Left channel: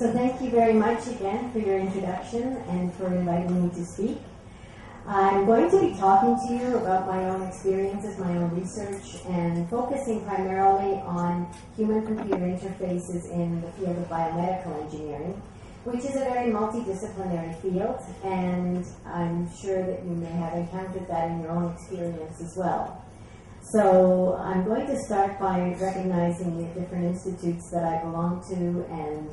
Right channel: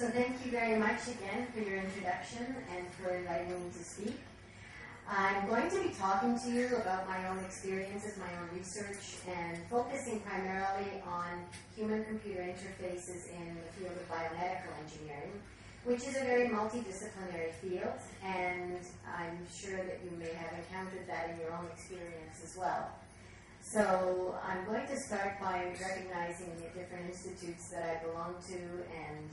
So thank you very much again for your introduction and for inviting me to speak. I'm going to be talking to you about my own experiences, my own research, and focusing primarily on human-computer interfaces in the field of biomedical engineering, which is a very multidisciplinary field, and I'm sure that you may have encountered that in your own experience as well. So I'm going to start by recognizing the different institutes that I belong to and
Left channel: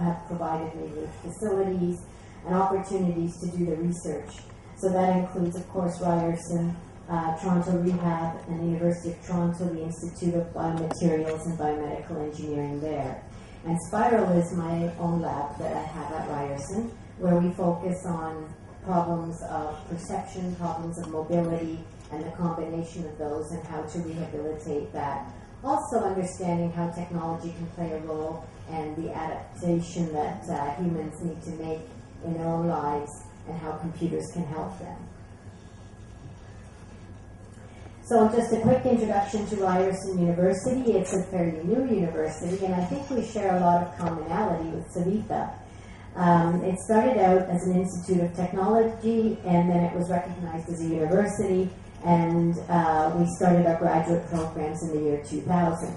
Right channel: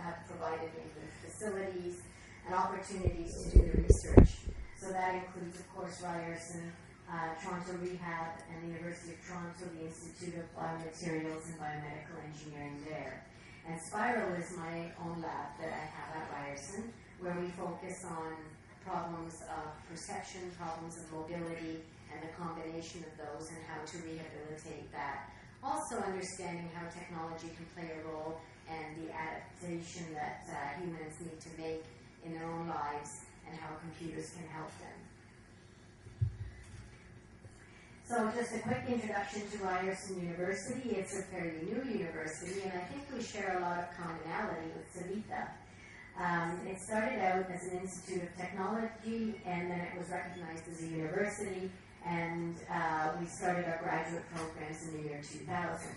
have provided me with facilities and opportunities to do the research. So that includes, of course, Ryerson, Toronto Rehab, and the University of Toronto, the Institute of Biomaterials and Biomedical Engineering there. And Spiral is my own lab that I have at Ryerson, where we focus on problems of perception, problems of mobility, and the combination of those and how to rehabilitate that. Also understanding how technology can play a role and the adaptation that humans need to make in their own lives and how computers can help them. So just a quick introduction to Ryerson University. It's a fairly new university, and I think we share a lot of commonality with Savita. It started out as an institute of technology, and then it was recognized as a university, and we started our graduate programs in the year 2000.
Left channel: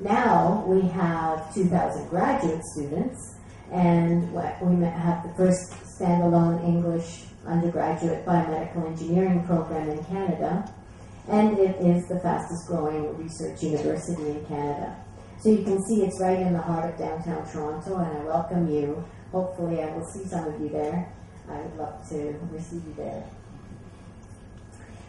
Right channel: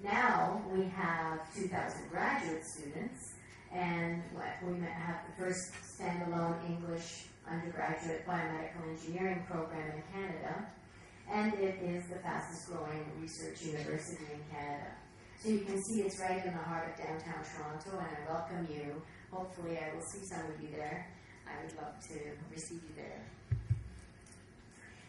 Now we have 2,000 graduate students, and we have the first standalone English undergraduate biomedical engineering program in Canada, and it is the fastest growing research university in Canada. So you can see it's right in the heart of downtown Toronto, and I welcome you. Hopefully I will see some of you there. I would love to receive you there.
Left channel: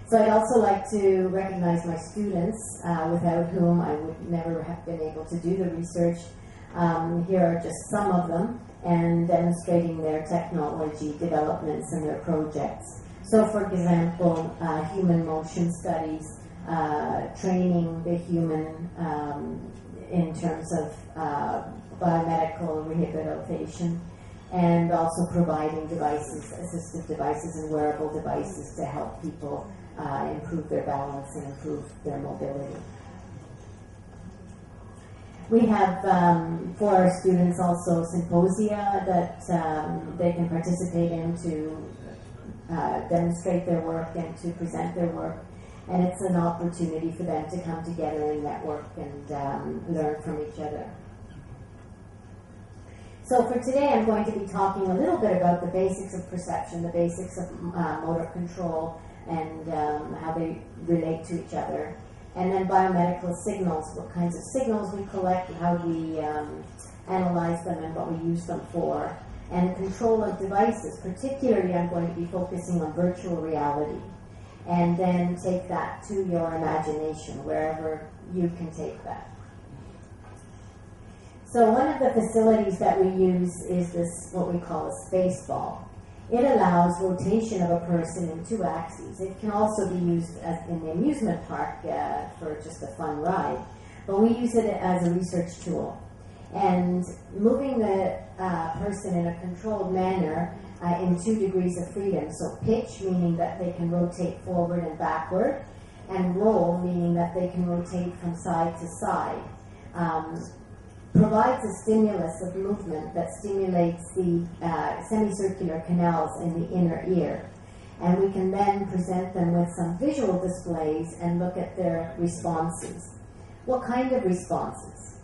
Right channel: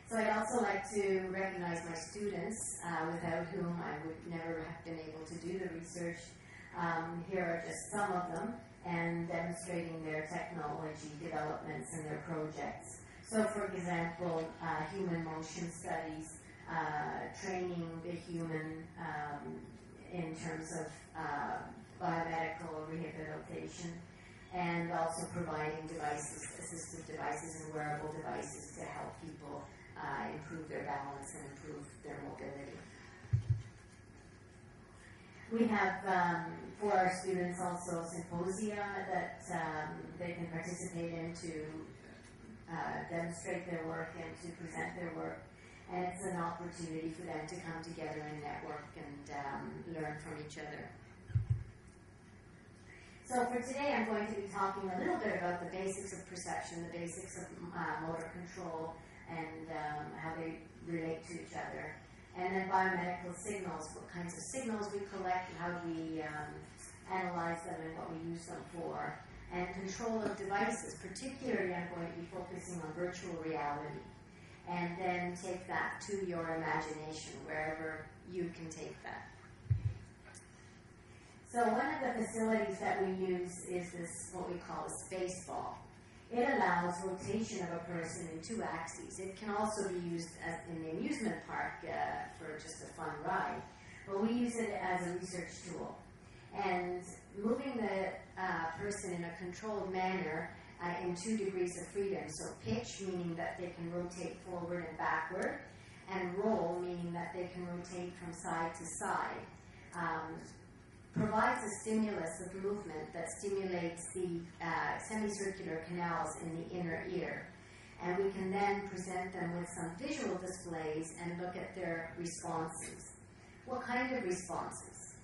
So I'd also like to recognize my students, without whom I would never have been able to do the research. Here are just some of them, and demonstrating their technology developments and their projects. So for example, human motion studies, training the human in terms of biomedical rehabilitation, and also providing devices, assistive devices and wearable devices to help people improve their balance and improve their mobility. We have, for our students, also symposia that they can participate in to demonstrate their work and to present their work. And it's an opportunity for them to come together and network and learn from each other. So for today, I'm going to be talking a little bit about the basics of perception, the basics of motor control, and how they relate to each other. And then biomedical signals, what kinds of signals we collect, how we analyze them and what we use them for. And control of devices, particularly I'm going to be focusing on virtual reality. And then take that to your imagination, wherever you can take that. So one of the facilities that we use is this, what we call a space ball. It allows rotation of a person in 2 axes. It can also be used as in the amusement park for just a fun ride, but we use it as a research tool. And moving the person in a controlled manner in 2 degrees of freedom. So pitch, meaning that they can rotate forward and backward, and roll, meaning that they can rotate from side to side. Provides a stimulus of movement that stimulates the semicircular canals in the inner ear. And we can then present them with some visual displays and look at their responses. What kind of responses?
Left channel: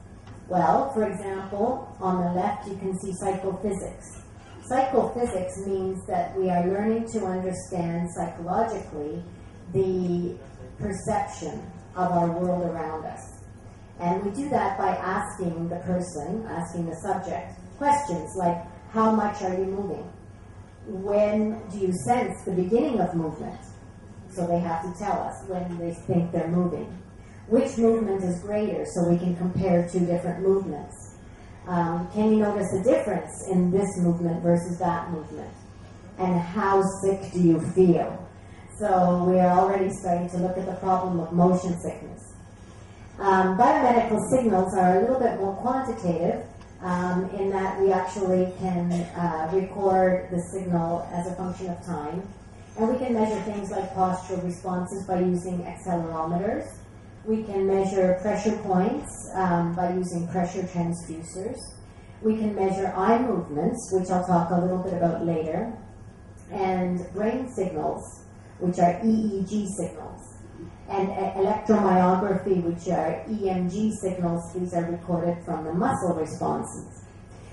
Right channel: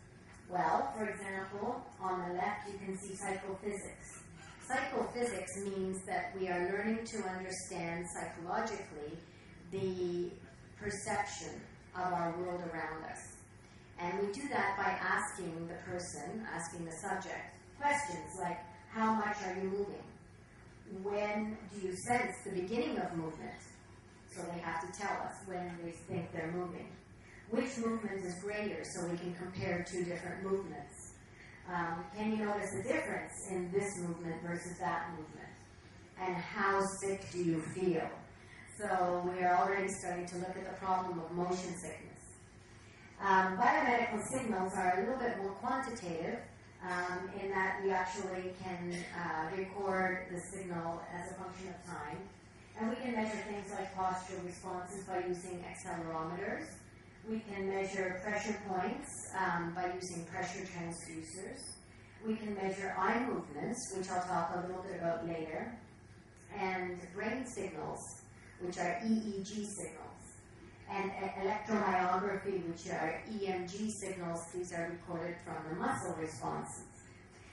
Well, for example, on the left you can see psychophysics. Psychophysics means that we are learning to understand psychologically the perception of our world around us. And we do that by asking the person, asking the subject, questions like, how much are you moving? When do you sense the beginning of movement? So they have to tell us when they think they're moving. Which movement is greater, so we can compare 2 different movements? Can you notice a difference in this movement versus that movement? And how sick do you feel? So we are already starting to look at the problem of motion sickness. Biomedical signals are a little bit more quantitative in that we actually can record the signal as a function of time. And we can measure things like postural responses by using accelerometers. We can measure pressure points by using pressure transducers. We can measure eye movements, which I'll talk a little bit about later, and brain signals, which are EEG signals, and electromyography, which are EMG signals. These are recorded from the muscle responses.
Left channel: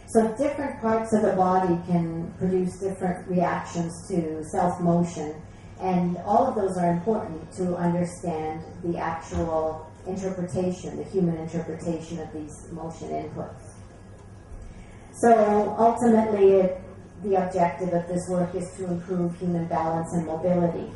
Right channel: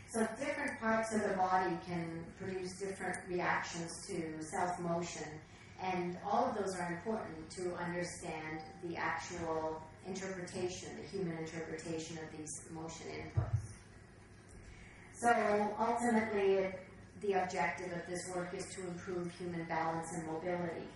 So different parts of the body can produce different reactions to self-motion, and all of those are important to understand the actual interpretation, the human interpretation of these motion inputs. So ultimately, the objective of this work is to improve human balance and mobility.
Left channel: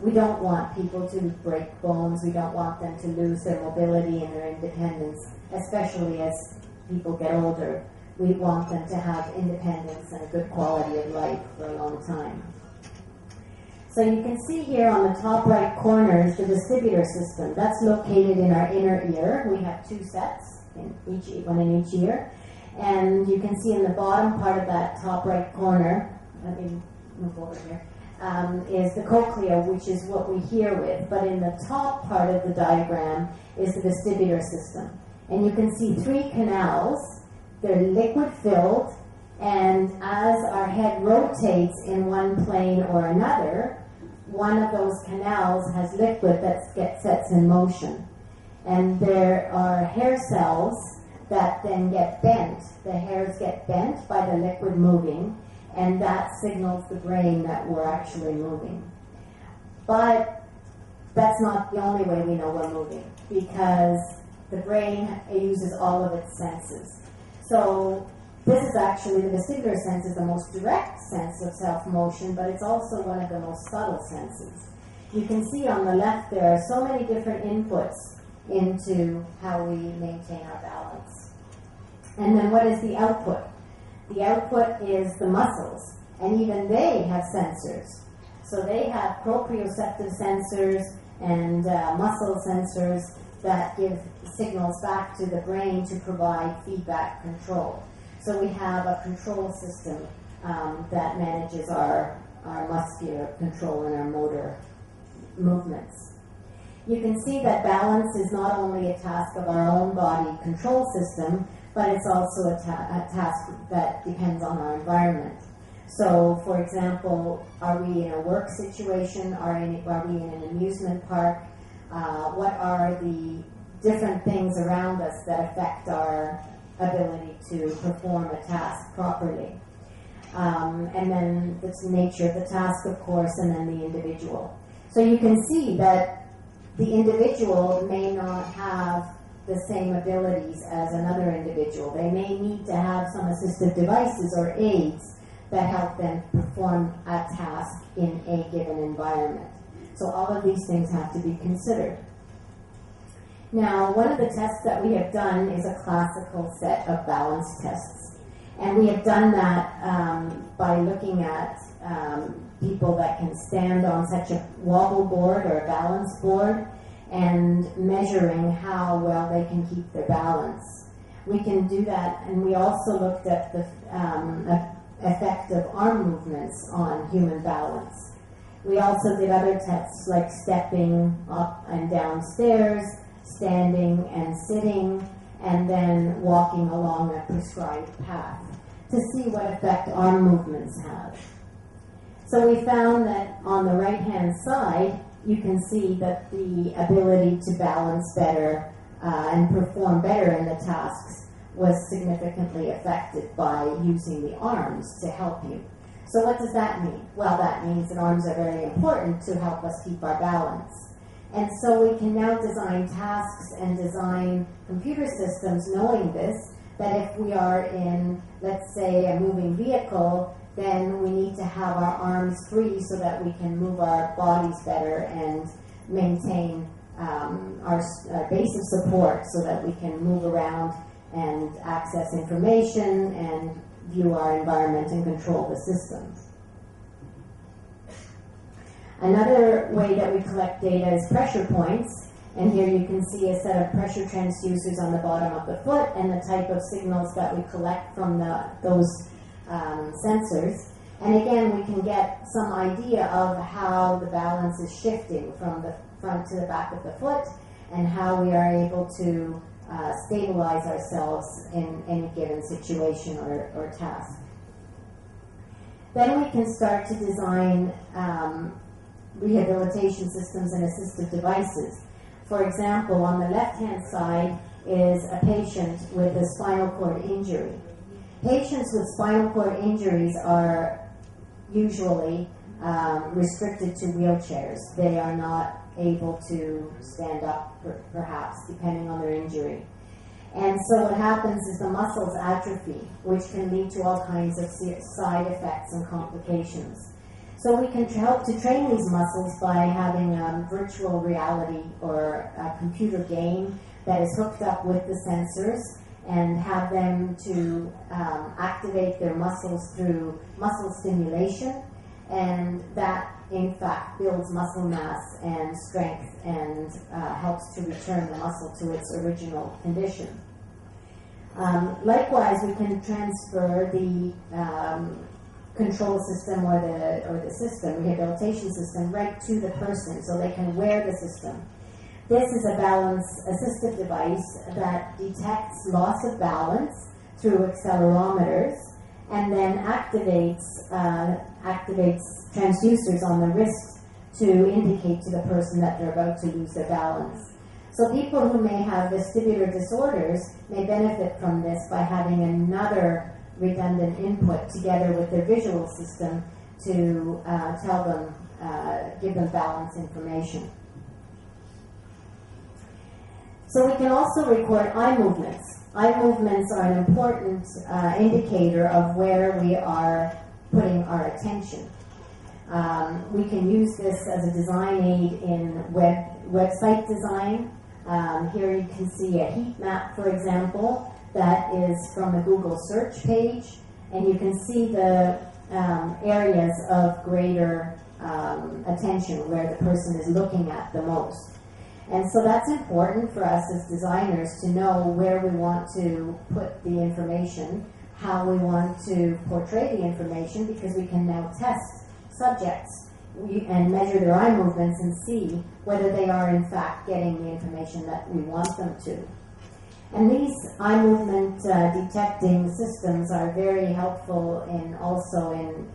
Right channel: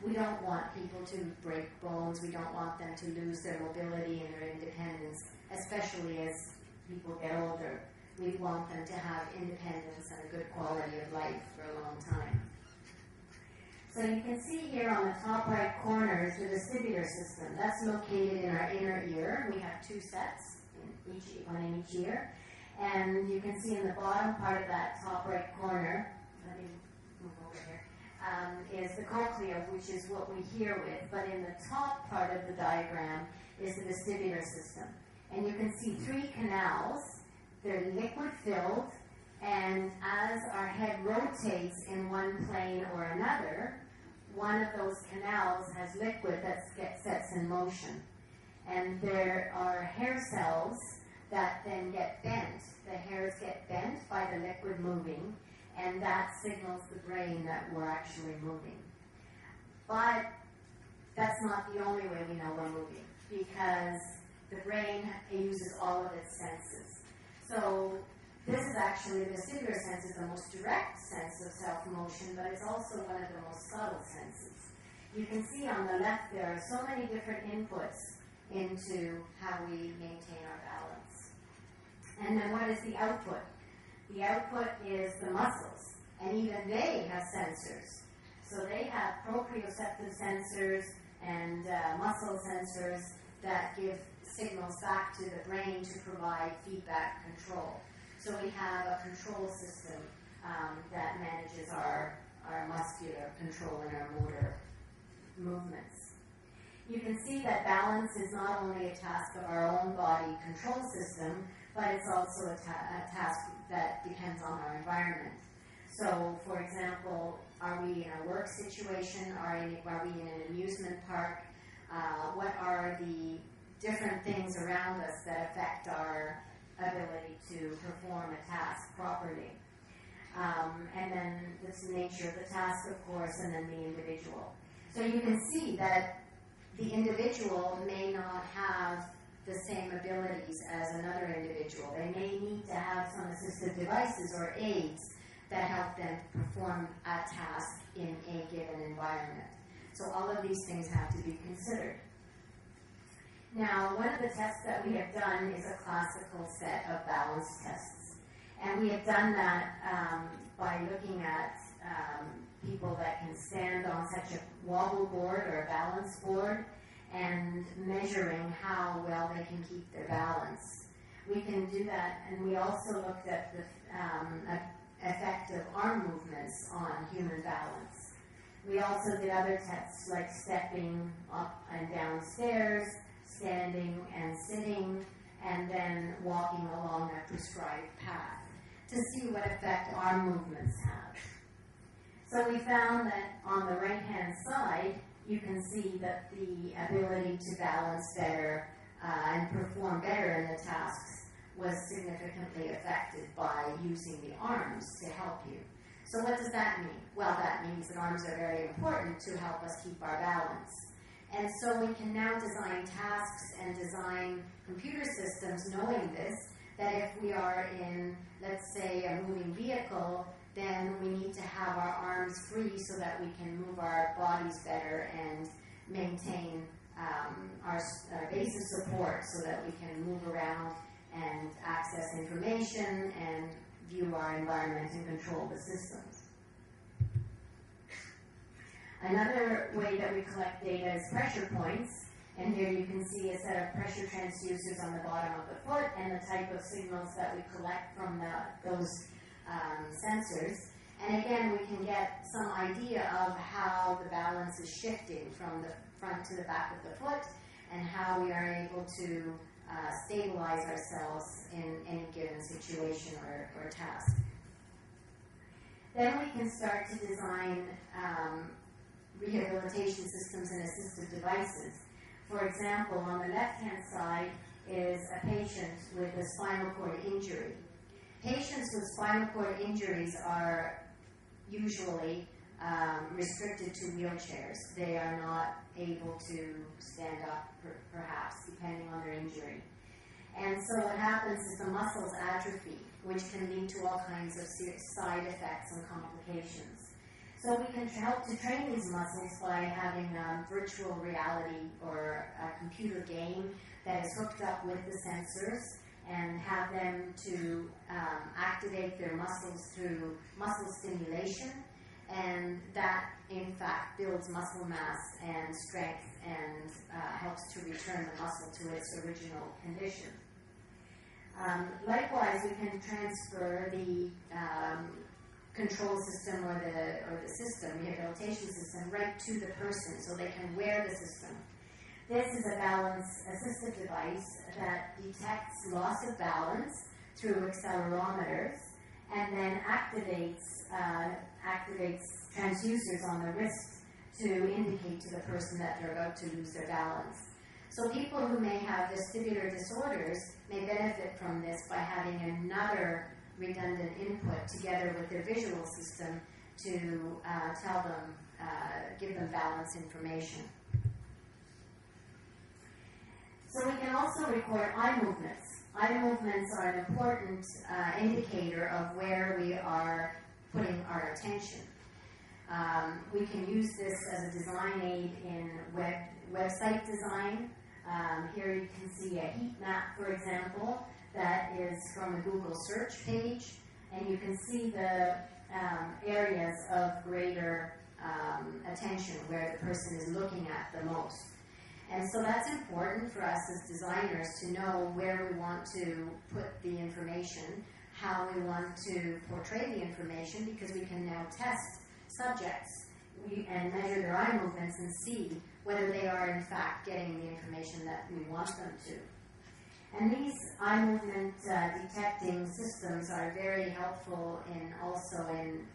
We don't want people to break bones. We don't want them to lose their mobility and their independence, especially as people get older. We want them to have independence and a good quality of life for a long time. So you can see here on the top right corner is the vestibular system. That's located in our inner ear. We have two sets, one in each ear. And you can see in the bottom part of that top right corner, let me move over here, is the cochlea, which is what we hear with. But in the top part of the diagram is the vestibular system. And you can see three canals. They're liquid filled, and as our head rotates in one plane or another, one of those canals has liquid that sets in motion. And there are hair cells that then get bent. The hairs get bent by the liquid moving, and that signals the brain that we're actually moving. But that's not the only way we know we're moving, because the brain uses all of its senses. So this is actually, the vestibular sense is the most direct sense of self-motion, but it's also one of the most subtle senses. You can see on the left there are so many different inputs into how we maintain our balance. And then what is the output? The output is the muscles, and even they have sensors. So they have proprioceptive sensors and muscle sensors that give signals back to the brain to provide feedback control. So we have a control system that manages our muscular control and our motor movements. You can see that balance is not only a task of our own body control system, but it's also a task that depends on our environment. So, for example, are we in a work situation? Are we in an amusement park? What are the different things around us that affect our ability to perform a task properly? And then the nature of the task, of course, and then the individual. So you can see that the individual may not have the same abilities as another individual. They may need to have some assistive devices or aids that help them perform a task in a given environment. So all of these things have to be considered. Now, one of the tests that we have done is a classical set of balance tests. And we have done that by looking at people that can stand on such a wobble board or a balance board and measuring how well they can keep their balance. We can do that, and we also looked at the effect of arm movements on human balance. We also did other tests like stepping up and down stairs, standing and sitting, and then walking along a prescribed path to see what effect arm movements have. So we found that on the right-hand side, you can see that the ability to balance better and perform better in the tasks was significantly affected by using the arms to help you. So what does that mean? Well, that means that arms are very important to help us keep our balance. And so we can now design tasks and design computer systems knowing this, that if we are in, let's say, a moving vehicle, then we need to have our arms free so that we can move our bodies better and maintain our base of support so that we can move around and access information and view our environment and control the systems. Another way that we collect data is pressure points. And here you can see a set of pressure transducers on the bottom of the foot and the type of signals that we collect from those sensors. And again, we can get some idea of how the balance is shifting from the front to the back of the foot and how we are able to stabilize ourselves in any given situation or task. Then we can start to design rehabilitation systems and assistive devices. For example, on the left-hand side is a patient with a spinal cord injury. Patients with spinal cord injuries are usually restricted to wheelchairs. They are not able to stand up, perhaps, depending on their injury. And so what happens is the muscles atrophy, which can lead to all kinds of side effects and complications. So we can help to train these muscles by having virtual reality or a computer game that is hooked up with the sensors and have them to activate their muscles through muscle stimulation, and that in fact builds muscle mass and strength and helps to return the muscle to its original condition. Likewise, we can transfer the control system or the system, rehabilitation system, right to the person so they can wear the system. This is a balance assistive device that detects loss of balance through accelerometers and then activates transducers on the wrist to indicate to the person that they're about to lose their balance. So people who may have vestibular disorders may benefit from this by having another redundant input together with their visual system to give them balance information. So we can also record eye movements. Eye movements are an important indicator of where we are putting our attention. We can use this as a design aid in website design. Here you can see a heat map, for example, that is from a Google search page, and you can see the areas of greater attention where the person is looking at the most. And so that's important for us as designers to know where we want to put the information, how we want to portray the information, because we can now test subjects and measure their eye movements and see whether they are in fact getting the information that we want them to. And these eye movement detecting systems are very helpful also in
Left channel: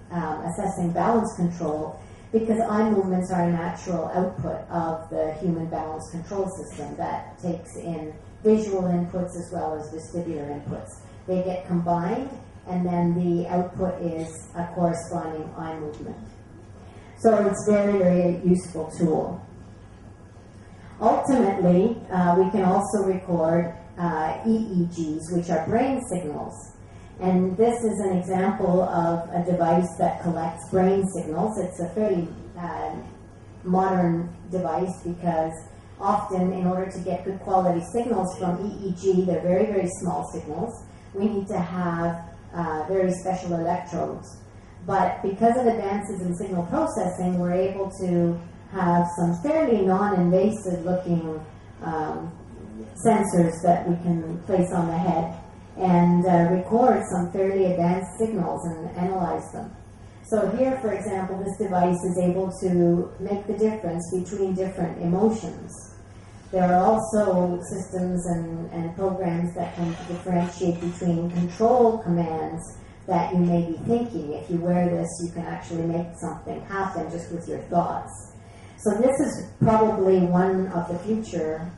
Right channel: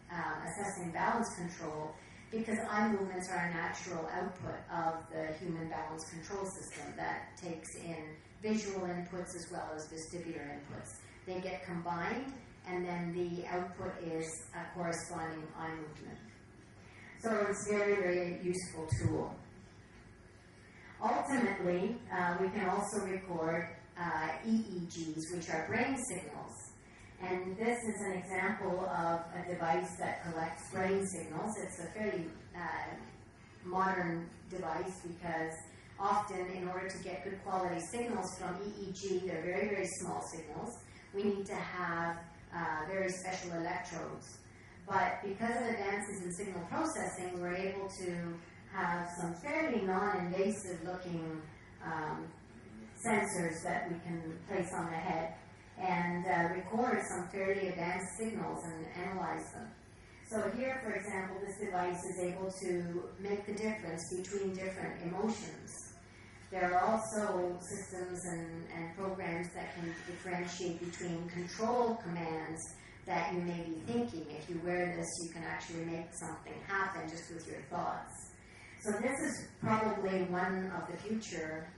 assessing balance control, because eye movements are a natural output of the human balance control system that takes in visual inputs as well as vestibular inputs. They get combined, and then the output is a corresponding eye movement. So it's a very, very useful tool. Ultimately, we can also record EEGs, which are brain signals. And this is an example of a device that collects brain signals. It's a fairly modern device because often in order to get good quality signals from EEG, they're very, very small signals. We need to have very special electrodes. But because of advances in signal processing, we're able to have some fairly non-invasive looking sensors that we can place on the head and record some fairly advanced signals and analyze them. So here, for example, this device is able to make the difference between different emotions. There are also systems and programs that can differentiate between control commands that you may be thinking. If you wear this, you can actually make something happen just with your thoughts. So this is probably one of the future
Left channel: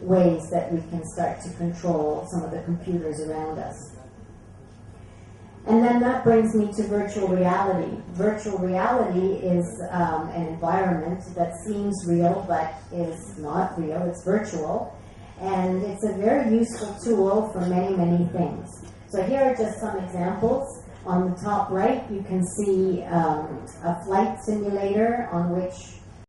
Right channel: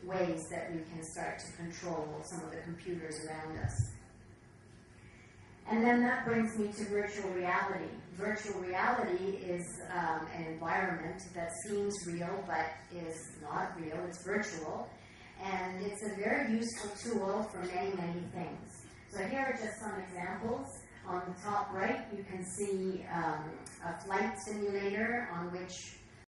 ways that we can start to control some of the computers around us. And then that brings me to virtual reality. Virtual reality is an environment that seems real but is not real. It's virtual. And it's a very useful tool for many, many things. So here are just some examples. On the top right, you can see a flight simulator on which